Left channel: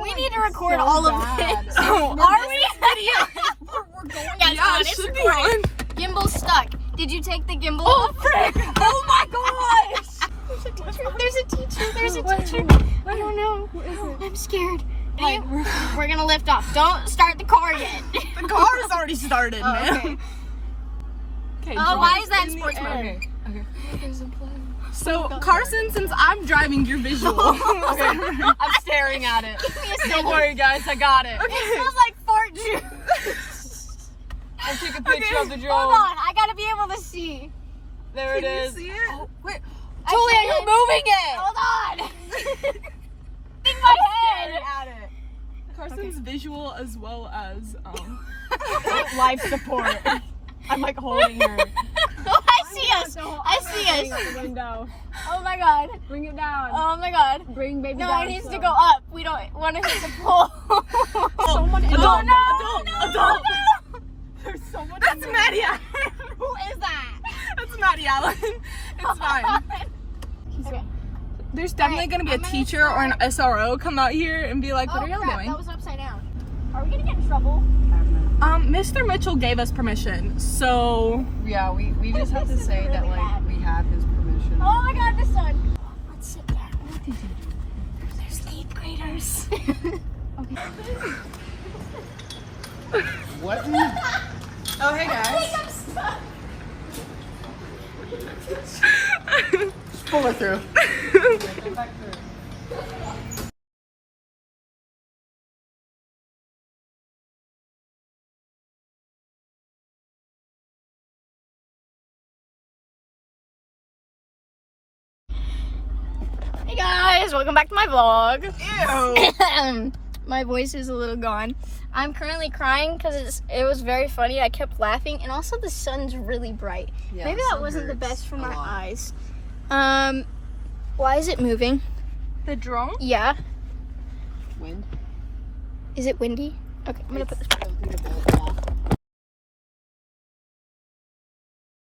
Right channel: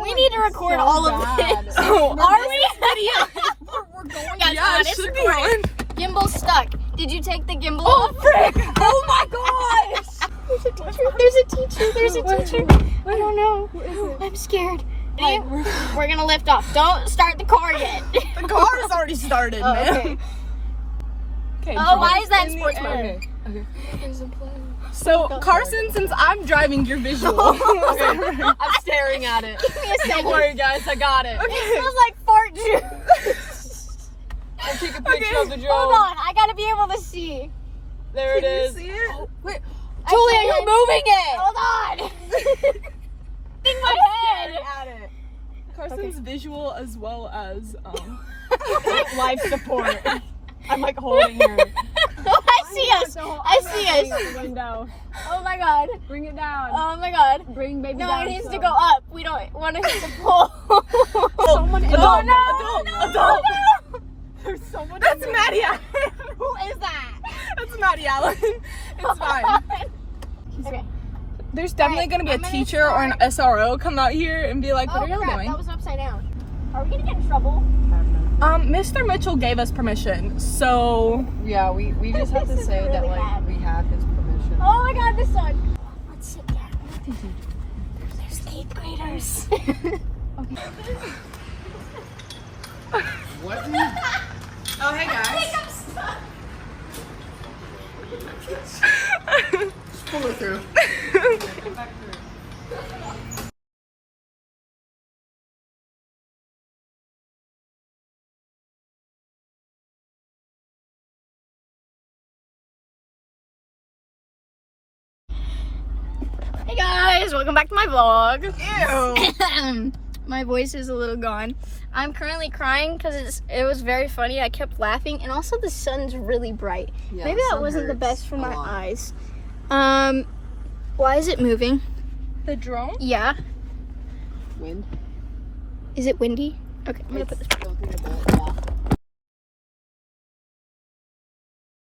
We need to record all of this. Oh, Are we? Yeah, it should be on. Gimbal's stuck. Did you take the gimbal Oh, off? frick. Oh my gosh. There's a teacher. I don't know. I'm scared. Hey, we're gonna lift off. Don't start the car yet. The car is already started. Oh, okay. Oh, why is that in sports mode? Okay. So, Carson, since I'm driving, you're visual. I'm staring at it. Give me a second. Don't worry, guys. I got it. It smells like fart juice. I'll take a picture of the drone. Hold on, I gotta be able to see. There it is. See it? Oh, wait. I Julia, can't. you're moving it. Hold on. In my head. At it. Carson's visual as well as Life support. I'm like holding her. I see us. I see us. The window. Oh my god. Bring it down. Oh my god. Bring baby No, down. it needs to go up. We don't want to hit the pole. someone in adult. There's someone. That's Maddie Allen. Who is that? That's Maddie Allen. It's fine. Okay. There's definitely gonna be a teacher or an SRO come out here and be like, "What are y'all crap, doing?" that was upside down. Are we gonna get in trouble? Mr. Mitchell gave us permission, so Yeah, we just have to This is say that really like bad. we have his permission. Oh my god, the sun. Let's sit down. There's 8th graders. What? Oh, hey guys. pull it through. Hey guys, welcome back to my vlog. Ew. My voice is a little gone. I'm currently crying because it was very funny. I kept laughing, and also the sun's really bright. Yeah, Maybe that sun wasn't the hurts best for a my lot. eyes. Why is it moving? The drone? Yeah. Wind. Is it windy? Okay, I'm gonna put this. I don't think about that.